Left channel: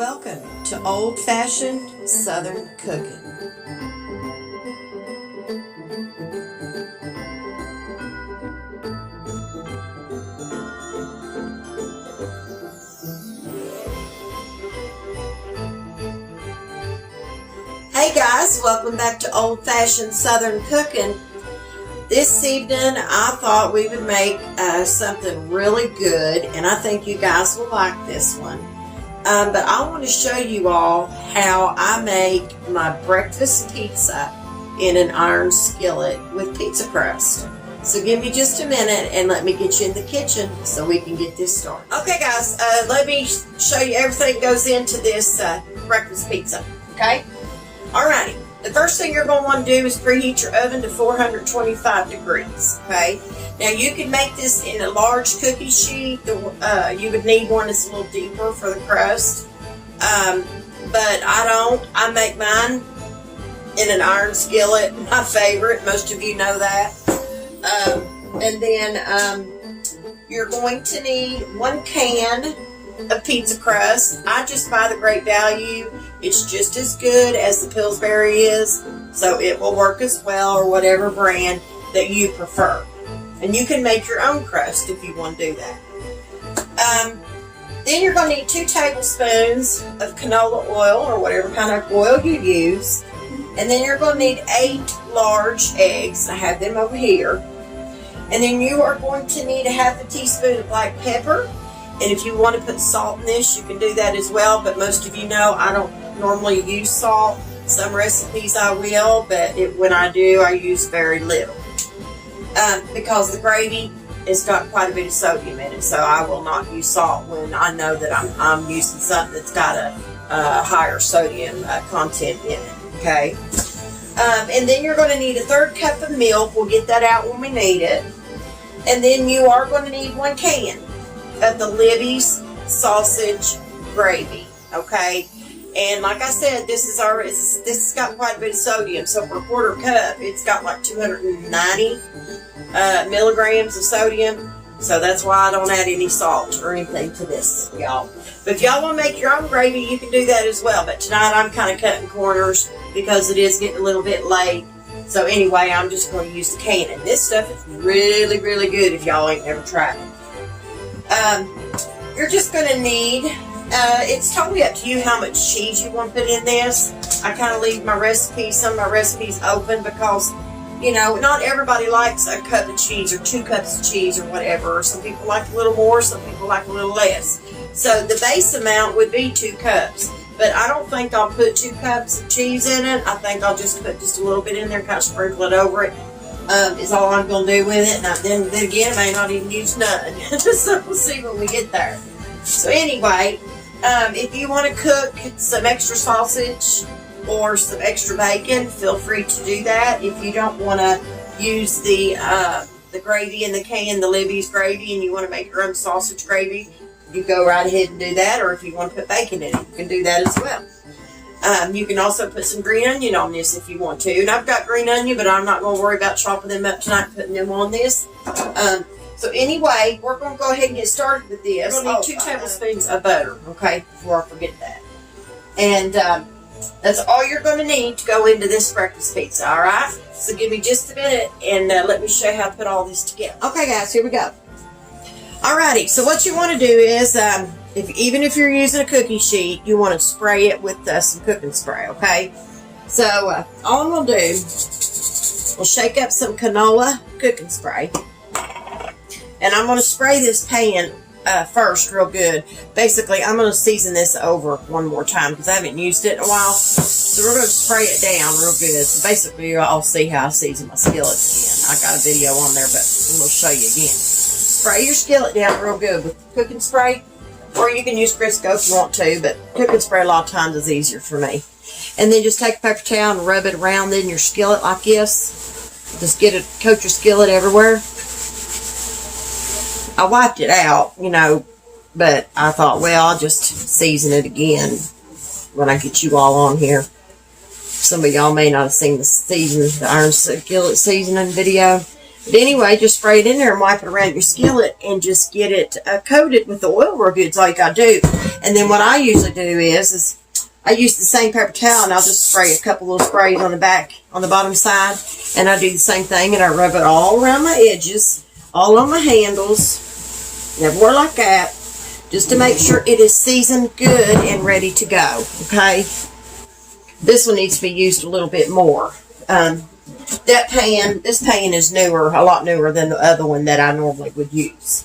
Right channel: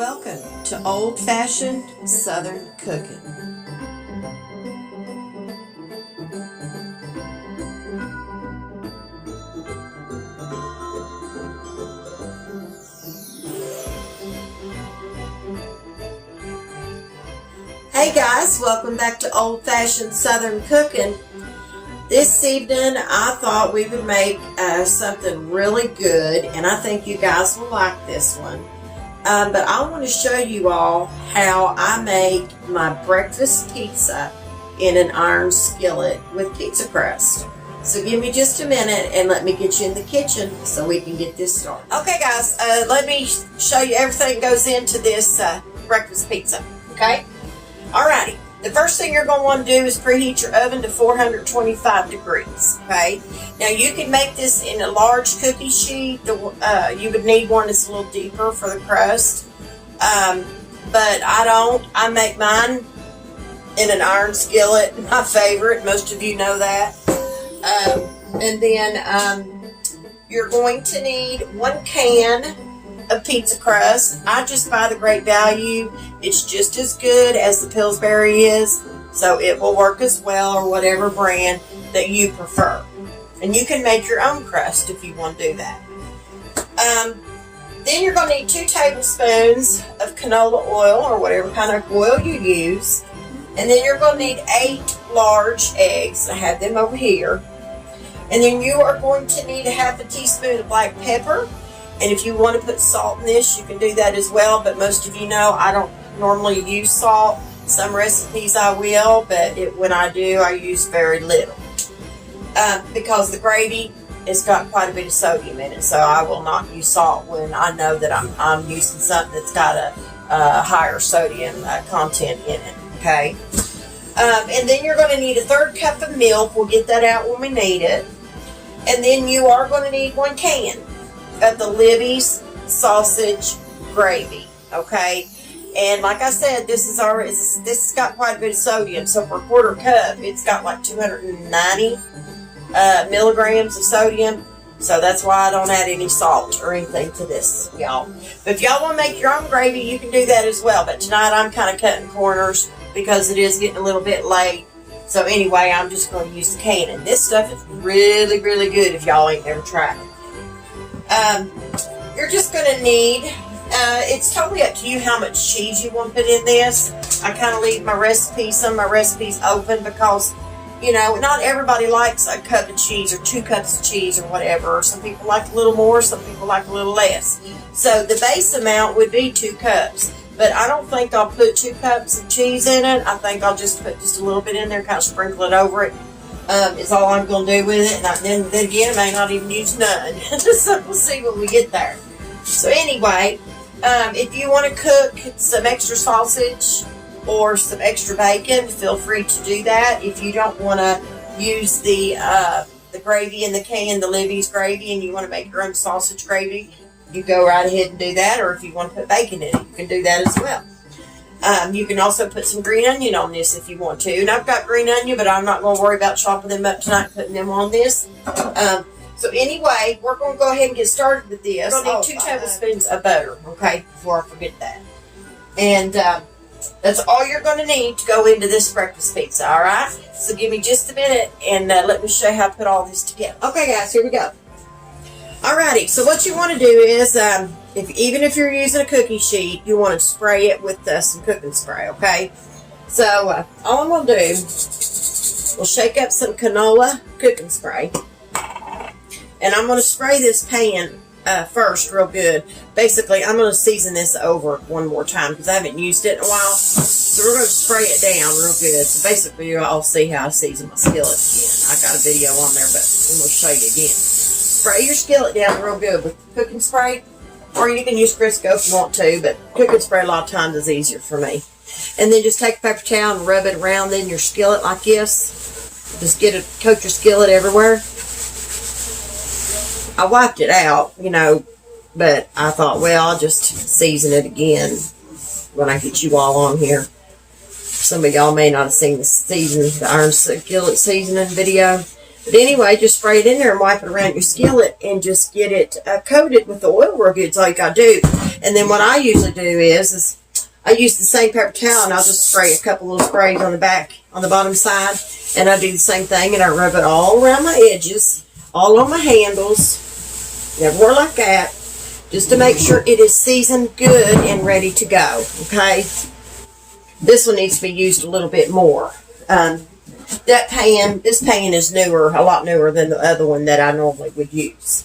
Welcome to old-fashioned Southern cooking. Hey guys, welcome back to old-fashioned Southern cooking. This evening I thought we would make something really good, and I think you guys will like this one. But I want to show you all how I make my breakfast pizza in an iron skillet with pizza crust. So give me just a minute and let me get you in the kitchen so we can get this started. Okay guys, let me show you everything that goes into this breakfast pizza, okay? Alrighty, the first thing you're going to want to do is preheat your oven to 425 degrees, okay? Now you can make this in a large cookie sheet. You would need one that's a little deeper for the crust, but I don't. I make mine in an iron skillet, my favorite. Most of you know that. And then you're going to need 1 can of pizza crust. I just buy the Great Value. It's just as good as the Pillsbury is, so it will work as well, or whatever brand that you prefer. And you can make your own crust if you want to do that. Then you're going to need 2 tablespoons of canola oil, or whatever kind of oil you use. And then you're going to need 8 large eggs. I have them over here. And then you are going to need a half a teaspoon of black pepper. And if you want to put salt in this, you can do that as well. But most of you know I don't normally use salt. Some recipes I will, but when I do, I use very little. Because the gravy has got quite a bit of sodium in it, so I will not use salt when I know that I'm using something that's got a higher sodium content in it, okay? And then you're going to need a 1/3 cup of milk. We'll get that out when we need it. And then you are going to need 1 can of the Libby's sausage gravy, okay? And like I said, this has got quite a bit of sodium, so for a 1/4 cup, it's got like 290 milligrams of sodium, so that's why I don't add any salt or anything to this, y'all. But if y'all want to make your own gravy, you can do that as well. But tonight I'm kind of cutting corners because it is getting a little bit late. So anyway, I'm just going to use the can. And this stuff is really, really good if y'all ain't never tried it. You're just going to need, it's totally up to you how much cheese you want to put in this. I kind of leave some of my recipes open because, you know, not everybody likes a cup of cheese or 2 cups of cheese or whatever. Some people like a little more, some people like a little less. So the base amount would be 2 cups. But I don't think I'll put 2 cups of cheese in it. I think I'll just put just a little bit in there, kind of sprinkle it over it. Is all I'm going to do with it. And then again, I may not even use none. So we'll see when we get there. So anyway, if you want to cook some extra sausage or some extra bacon, feel free to do that. If you don't want to use the gravy in the can, the Libby's gravy, and you want to make your own sausage gravy, you go right ahead and do that. Or if you want to put bacon in it, you can do that as well. You can also put some green onion on this if you want to. And I've got green onion, but I'm not going to worry about chopping them up tonight and putting them on this. So anyway, we're going to go ahead and get started with this. We're going to need 2 tablespoons of butter, okay, before I forget that. And that's all you're going to need to go into this breakfast pizza, all right? So give me just a minute and let me show you how to put all this together. Okay, guys, here we go. Alrighty, so what you want to do is, even if you're using a cookie sheet, you want to spray it with some cooking spray, okay? So all I'm going to do, we'll shake up some canola cooking spray. And I'm going to spray this pan first real good. Basically, I'm going to season this over one more time because I haven't used it in a while. So we're going to spray it down real good. So basically, I'll see how I season my skillet again. I got a video on there, but I'm going to show you again. Spray your skillet down real good with cooking spray. Or you can use Crisco if you want to, but cooking spray a lot of times is easier for me. And then just take a paper towel and rub it around in your skillet like this. Just coat your skillet everywhere. I wiped it out, you know, but I thought, well, I'll just season it again when I get you all on here. Some of y'all may not have seen the iron skillet seasoning video. But anyway, just spray it in there and wipe it around your skillet and just get it coated with the oil real good. That's all you got to do. And then what I usually do is I use the same paper towel, and I'll just spray a couple little sprays on the back, on the bottom side. And I do the same thing, and I rub it all around my edges, all on my handles, everywhere like that, just to make sure it is seasoned good and ready to go, okay? This one needs to be used a little bit more. This pan is newer, a lot newer than the other one that I normally would use.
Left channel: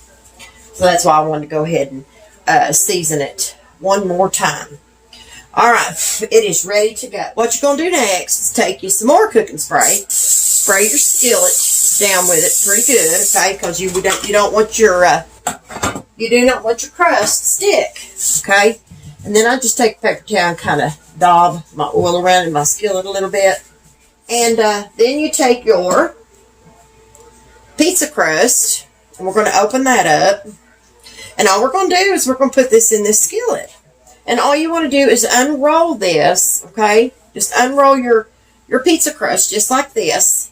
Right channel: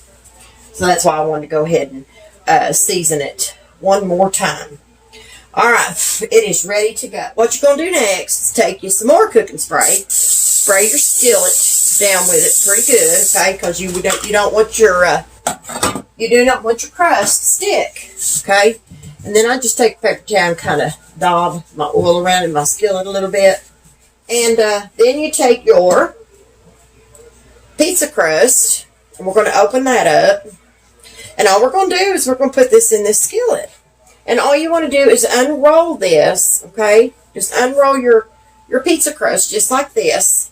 So that's why I wanted to go ahead and season it one more time. All right, it is ready to go. What you're going to do next is take you some more cooking spray. Spray your skillet down with it pretty good, okay? Because you don't want your you do not want your crust to stick, okay? And then I just take a paper towel and kind of daub my oil around in my skillet a little bit. And then you take your pizza crust, and we're going to open that up. And all we're going to do is we're going to put this in this skillet. And all you want to do is unroll this, okay? Just unroll your pizza crust just like this.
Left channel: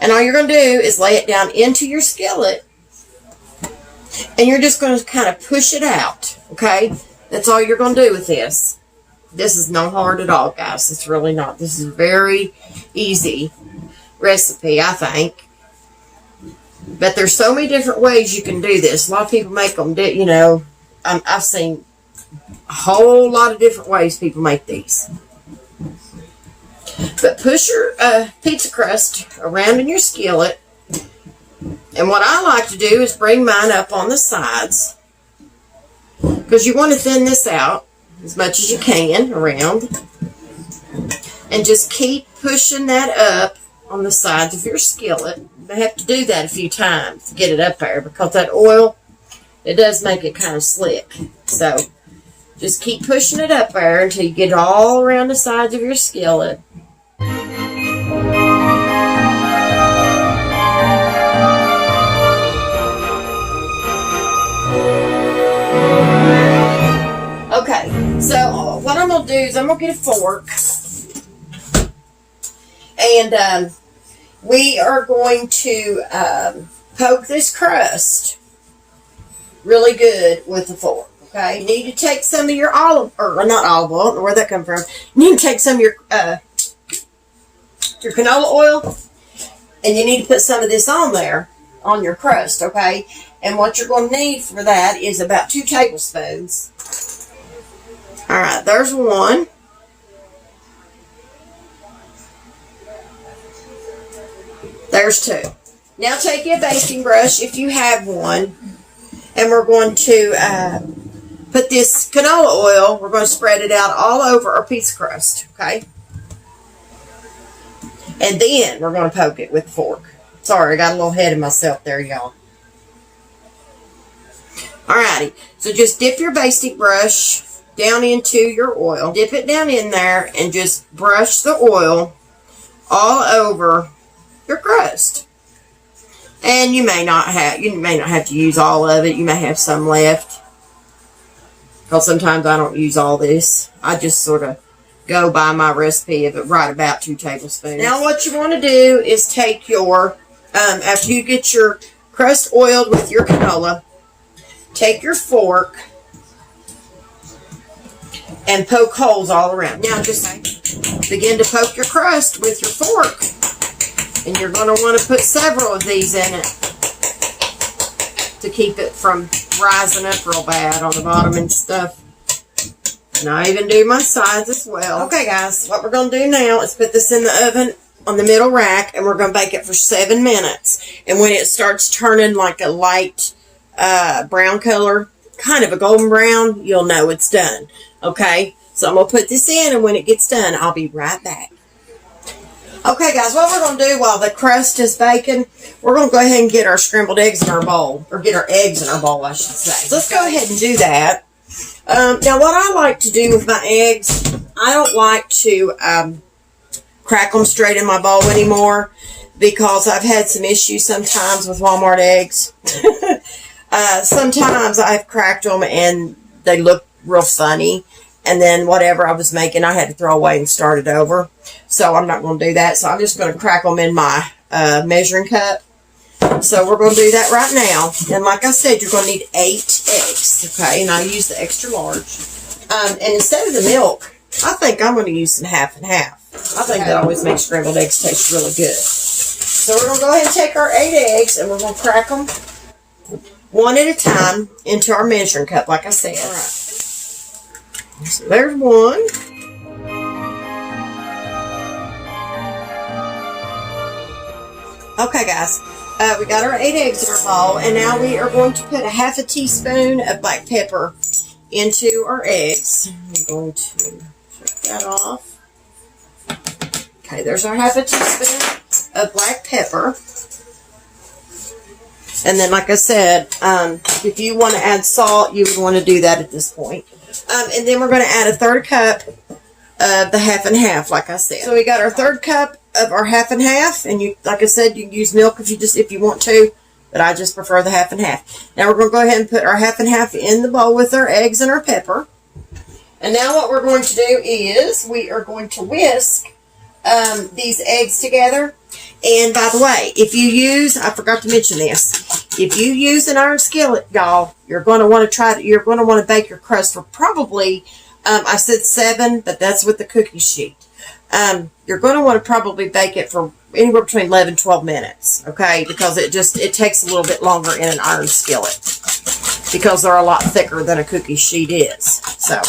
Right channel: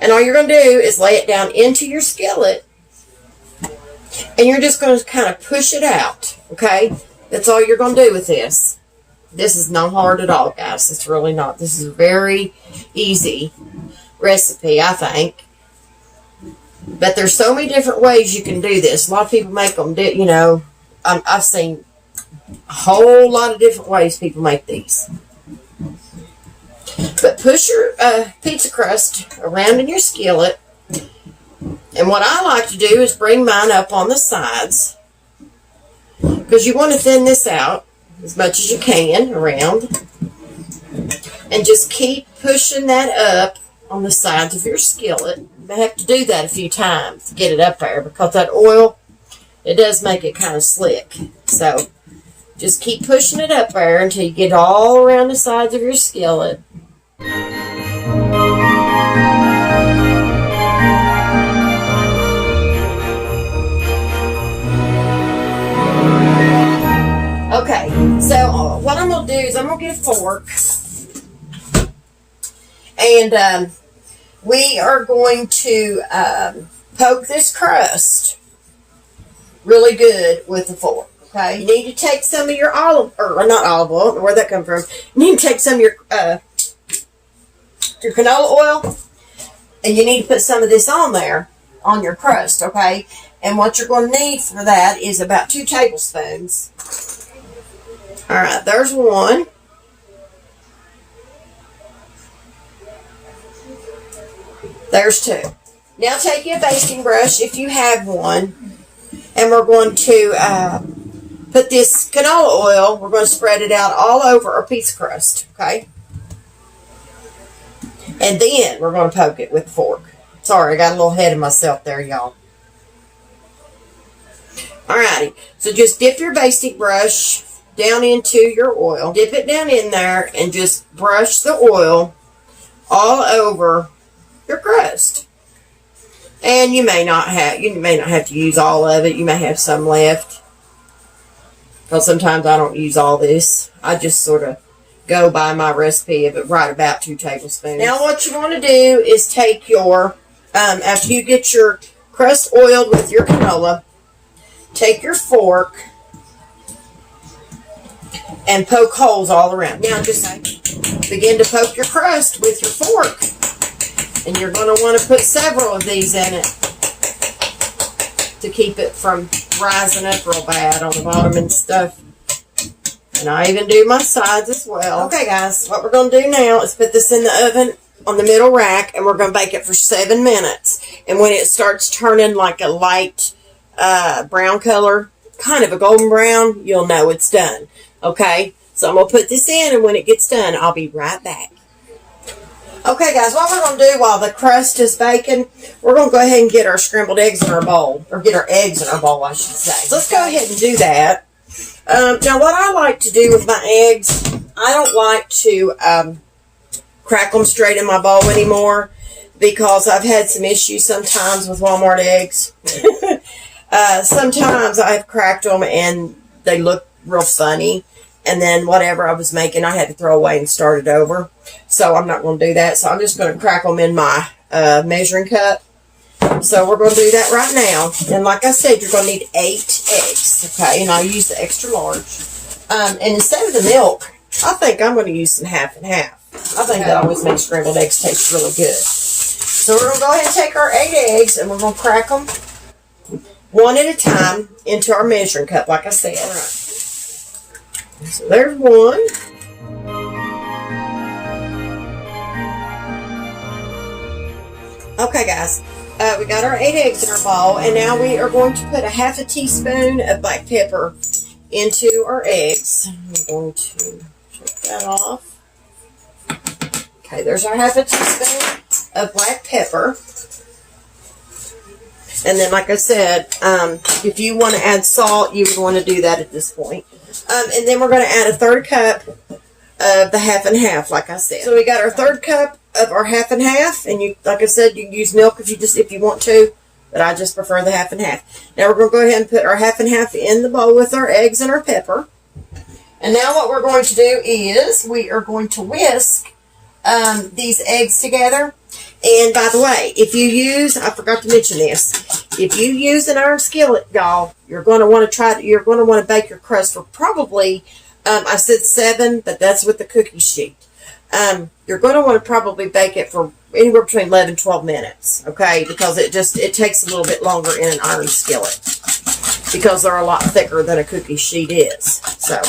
And all you're going to do is lay it down into your skillet. And you're just going to kind of push it out, okay? That's all you're going to do with this. This is not hard at all, guys. It's really not. This is a very easy recipe, I think. But there's so many different ways you can do this. A lot of people make them, you know, I've seen a whole lot of different ways people make these. But push your pizza crust around in your skillet. And what I like to do is bring mine up on the sides. Because you want to thin this out as much as you can around. And just keep pushing that up on the sides of your skillet. You may have to do that a few times to get it up there. Because that oil, it does make it kind of slick. So just keep pushing it up there until you get all around the sides of your skillet. Okay, so what I'm going to do is I'm going to get a fork. And we are going to poke this crust really good with the fork. Okay, you need to take some of your not olive oil, I don't know where that comes from. You need to take some of your canola oil, and you need to put some of this on there, on your crust, okay? And what you're going to need for that is about 2 tablespoons. All right, there's one. There's 2. Now take your basting brush, if you have one, and we're going to put this canola oil, we're going to spread it out all over our pizza crust, okay? And then we're going to poke it with a fork. Sorry, I got a little ahead of myself there, y'all. Alrighty, so just dip your basting brush down into your oil. Dip it down in there and just brush the oil all over your crust. And you may not have to use all of it. You may have some left. Because sometimes I don't use all this. I just sort of go by my recipe of it right about 2 tablespoons. Now what you want to do is take your, after you get your crust oiled with your canola, take your fork and poke holes all around. Now just begin to poke your crust with your fork. And you're going to want to put several of these in it to keep it from rising up real bad on the bottom and stuff. And I even do my sides as well. Okay, guys, what we're going to do now is put this in the oven on the middle rack, and we're going to bake it for 7 minutes. And when it starts turning like a light brown color, kind of a golden brown, you'll know it's done. Okay, so I'm going to put this in, and when it gets done, I'll be right back. Okay, guys, what we're going to do while the crust is baking, we're going to go ahead and get our scrambled eggs in our bowl. Or get our eggs in our bowl, I should say. So let's go ahead and do that. Now, what I like to do with my eggs, I don't like to crack them straight in my bowl anymore because I've had some issues sometimes with Walmart eggs. Sometimes I've cracked them and they look real funny. And then whatever I was making, I had to throw away and start it over. So I'm not going to do that. So I'm just going to crack them in my measuring cup. So we're going to do that right now. And like I said, you're going to need 8 eggs. Okay, and I use the extra large. And instead of the milk, I think I'm going to use some half and half. I think that always makes scrambled eggs taste really good. So we're going to go ahead and take our 8 eggs and we're going to crack them one at a time into our measuring cup, like I said. All right. So there's one. Okay, guys. We got our 8 eggs in our bowl, and now we are going to put a half a teaspoon of black pepper into our eggs. I'm going to shake that off. Okay, there's our half a teaspoon of black pepper. And then, like I said, if you want to add salt, you would want to do that at this point. And then we're going to add a 1/3 cup of the half and half, like I said. So we got our 1/3 cup of our half and half, and you, like I said, you can use milk if you want to, but I just prefer the half and half. Now we're going to go ahead and put our half and half in the bowl with our eggs and our pepper. And now what we're going to do is we are going to whisk these eggs together. And by the way, if you use, I forgot to mention this, if you use an iron skillet, y'all, you're going to want to bake your crust for probably, I said 7, but that's with the cookie sheet. You're going to want to probably bake it for anywhere between 11 and 12 minutes, okay? Because it takes a little bit longer in an iron skillet because they're a lot thicker than a cookie sheet is. So,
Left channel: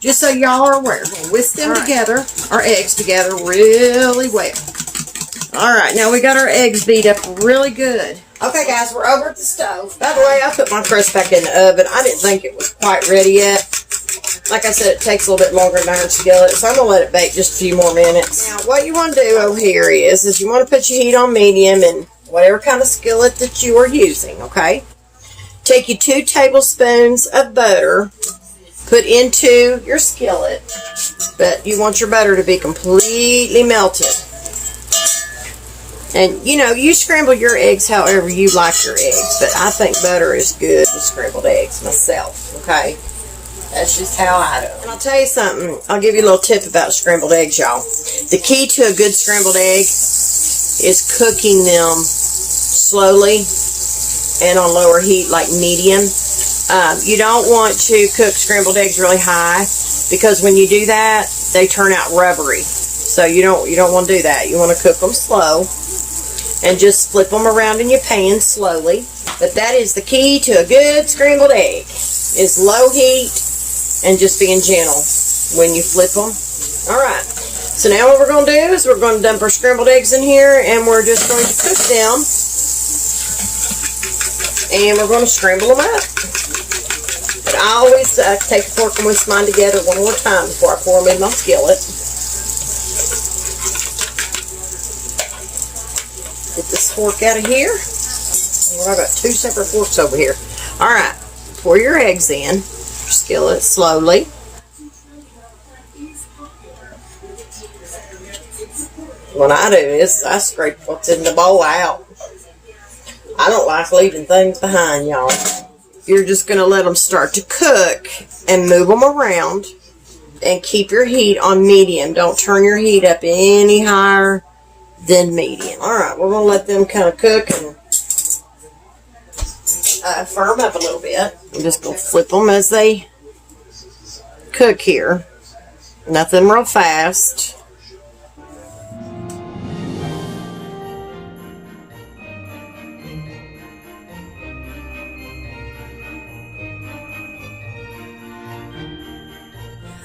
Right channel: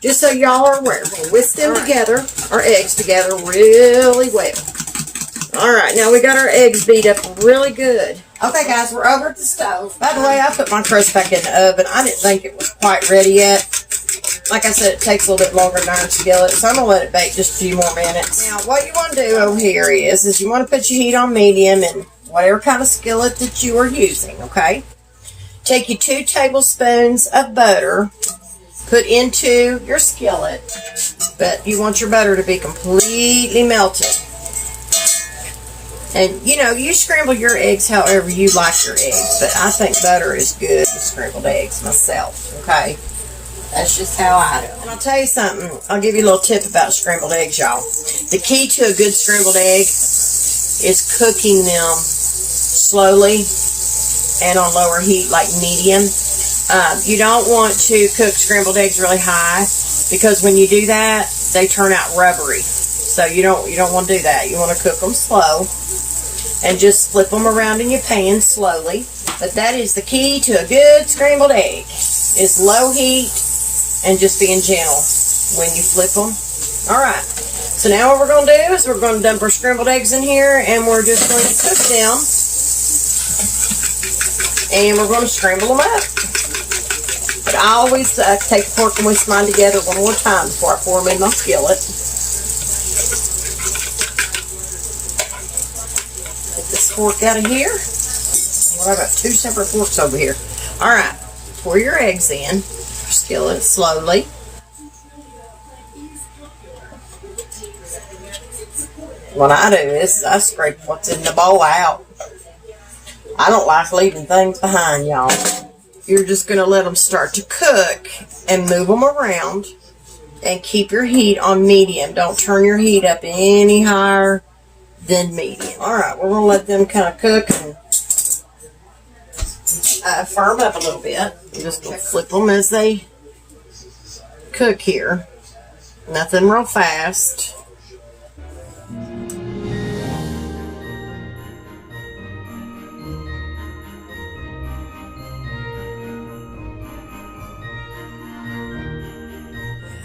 just so y'all are aware, we're going to whisk them together, our eggs together really well. All right, now we got our eggs beat up really good. Okay, guys, we're over at the stove. By the way, I put my crust back in the oven. I didn't think it was quite ready yet. Like I said, it takes a little bit longer than iron skillet, so I'm going to let it bake just a few more minutes. Now, what you want to do over here is you want to put your heat on medium and whatever kind of skillet that you are using, okay? Take you 2 tablespoons of butter, put into your skillet, but you want your butter to be completely melted. And, you know, you scramble your eggs however you like your eggs, but I think butter is good with scrambled eggs myself, okay? That's just how I do. And I'll tell you something. I'll give you a little tip about scrambled eggs, y'all. The key to a good scrambled egg is cooking them slowly and on lower heat, like medium. You don't want to cook scrambled eggs really high because when you do that, they turn out rubbery. So you don't want to do that. You want to cook them slow and just flip them around in your pan slowly. But that is the key to a good scrambled egg, is low heat and just being gentle when you flip them. All right. So now what we're going to do is we're going to dump our scrambled eggs in here, and we're just going to cook them. And we're going to scramble them up. But I always take a fork and whisk mine together one more time before I pour them in my skillet. Get this fork out of here. Well, I've got 2 separate forks over here. All right. Pour your eggs in. Skillet slowly. What I do is I scrape what's in the bowl out. I don't like leaving things behind, y'all. You're just going to let them start to cook and move them around and keep your heat on medium. Don't turn your heat up any higher than medium. All right, we're going to let them kind of cook and firm up a little bit. I'm just going to flip them as they cook here. Nothing real fast.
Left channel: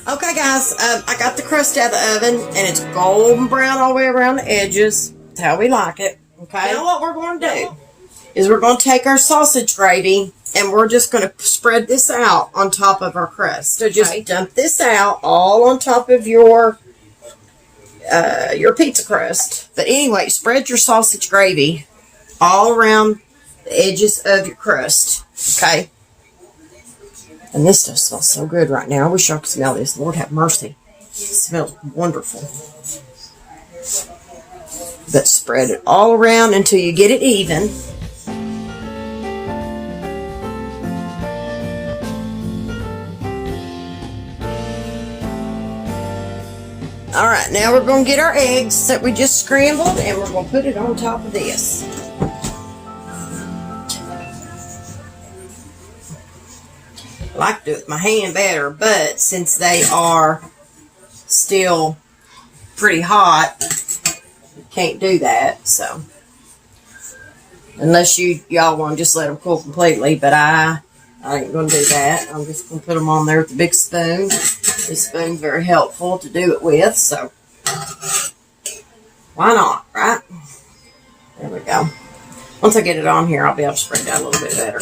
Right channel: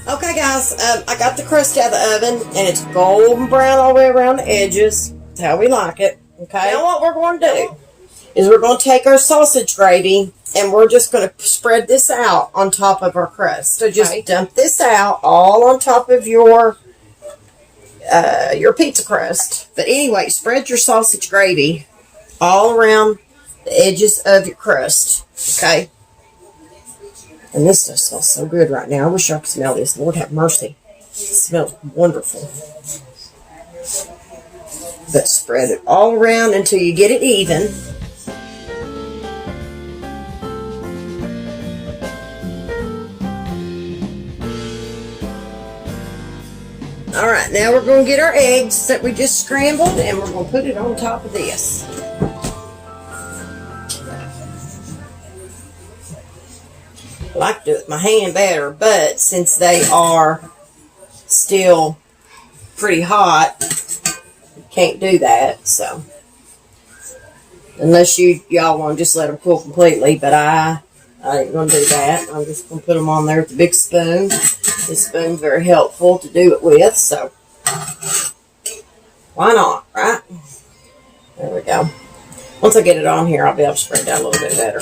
Okay, guys, I got the crust out of the oven, and it's golden brown all the way around the edges. That's how we like it. Okay, now what we're going to do is we're going to take our sausage gravy, and we're just going to spread this out on top of our crust. So just dump this out all on top of your pizza crust. But anyway, spread your sausage gravy all around the edges of your crust. Okay. And this stuff smells so good right now. I wish y'all could smell this. Lord have mercy. It smells wonderful. But spread it all around until you get it even. Alright, now we're going to get our eggs that we just scrambled, and we're going to put it on top of this. like to do it with my hand better, but since they are still pretty hot, can't do that. So unless y'all want to just let them cool completely, but I ain't gonna do that. I'm just gonna put them on there with the big spoon. This spoon's very helpful to do it with, so why not, right? There we go. Once I get it on here, I'll be able to spread it out a little bit better.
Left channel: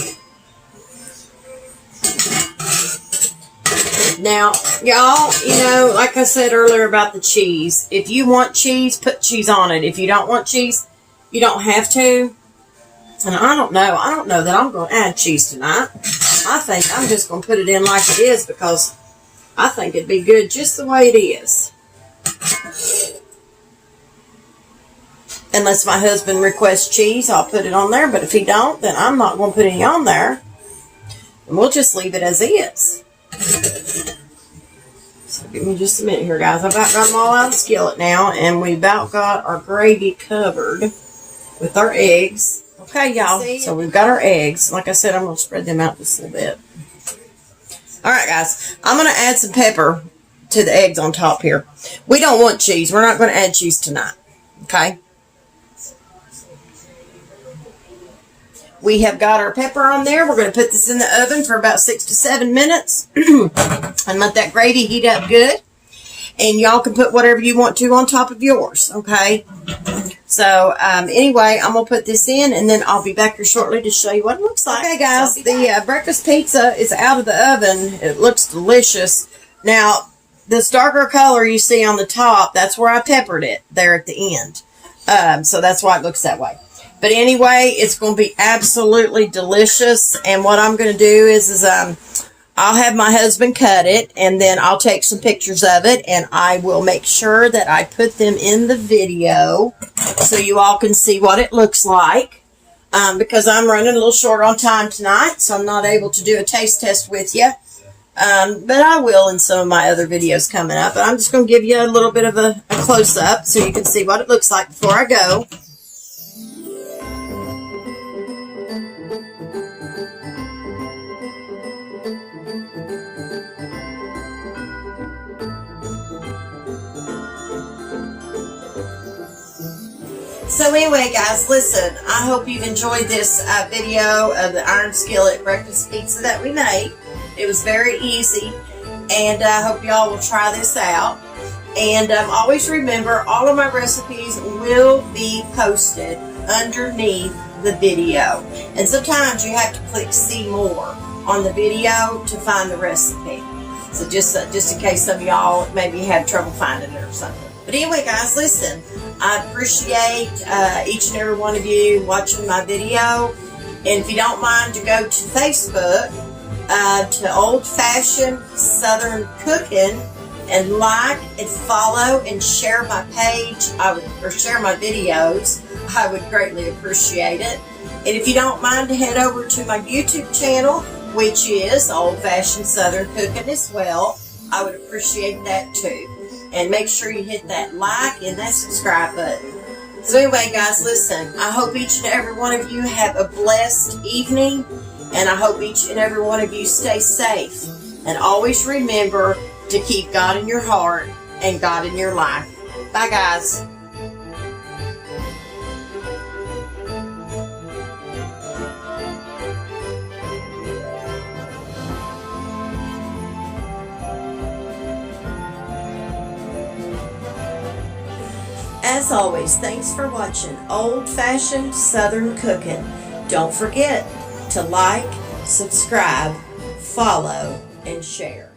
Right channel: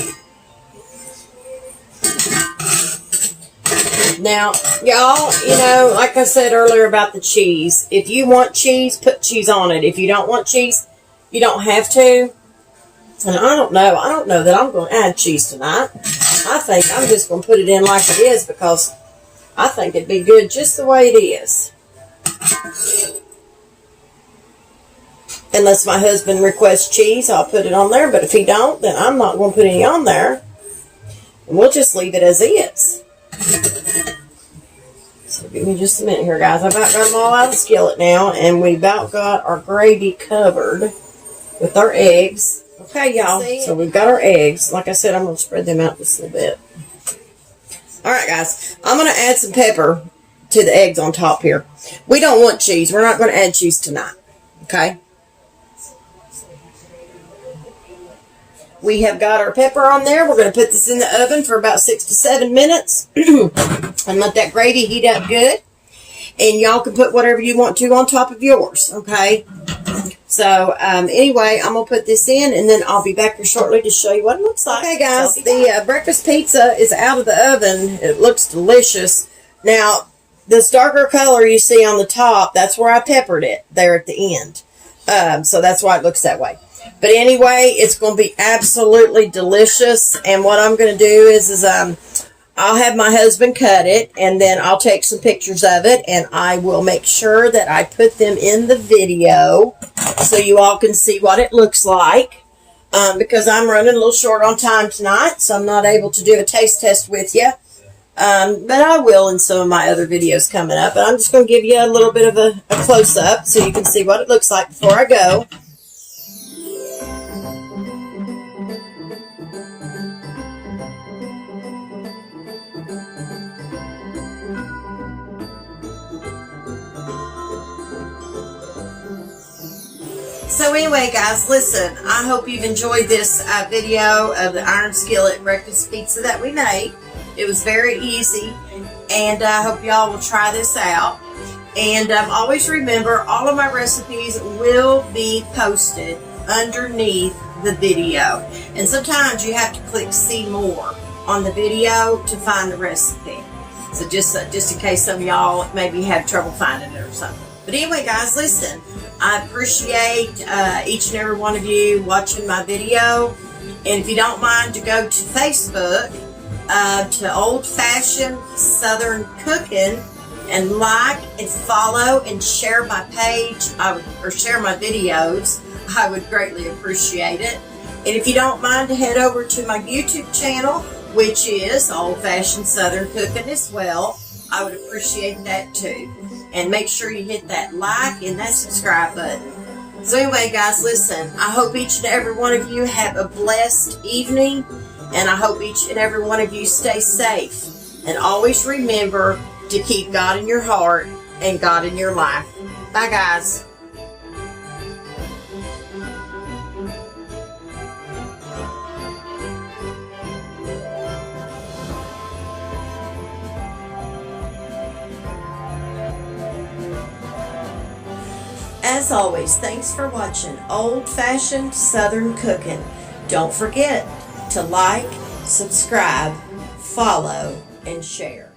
Now, y'all, you know, like I said earlier about the cheese, if you want cheese, put cheese on it. If you don't want cheese, you don't have to. And I don't know that I'm going to add cheese tonight. I think I'm just going to put it in like it is because I think it'd be good just the way it is. Unless my husband requests cheese, I'll put it on there. But if he don't, then I'm not going to put any on there. And we'll just leave it as is. So give me just a minute here, guys. I've about got them all out of the skillet now. And we about got our gravy covered with our eggs. Okay, y'all. So we've got our eggs. Like I said, I'm going to spread them out just a little bit. All right, guys. I'm going to add some pepper to the eggs on top here. We don't want cheese. We're not going to add cheese tonight. Okay? We have got our pepper on there. We're going to put this in the oven for about 6 to 7 minutes and let that gravy heat up good. And y'all can put whatever you want to on top of yours, okay? So, anyway, I'm going to put this in, and then I'll be back here shortly to show you what it looks like. Okay, guys, the breakfast pizza is out of the oven. It looks delicious. Now, this darker color you see on the top, that's where I peppered it there at the end. So that's why it looks that way. But anyway, it's going to be absolutely delicious. And what I'm going to do is I'll have my husband cut it, and then I'll take some pictures of it, and I will make sure that I put them in the video so you all can see what it looks like. Because I'm running a little short on time tonight, so I'm not able to do a taste test with you. But I will in some of my other videos coming up. But I'm just going to give you a little bit of a close-up so you can see what it looks like before I go. So anyway, guys, listen, I hope you've enjoyed this video of the iron skillet breakfast pizza that we made. It was very easy, and I hope y'all will try this out. And always remember, all of my recipes will be posted underneath the video. And sometimes you have to click see more on the video to find the recipe. So just in case some of y'all maybe have trouble finding it or something. But anyway, guys, listen. I appreciate each and every one of you watching my video. And if you don't mind to go to Facebook, to Old Fashioned Southern Cooking, and like and follow and share my page, or share my videos, I would greatly appreciate it. And if you don't mind to head over to my YouTube channel, which is Old Fashioned Southern Cooking as well, I would appreciate that too. And make sure you hit that like and that subscribe button. So anyway, guys, listen, I hope each and every one of you have a blessed evening. And I hope each and every one of you stay safe. And always remember to keep God in your heart and God in your life. Bye, guys. As always, thanks for watching Old Fashioned Southern Cooking. Don't forget to like, subscribe, follow, and share.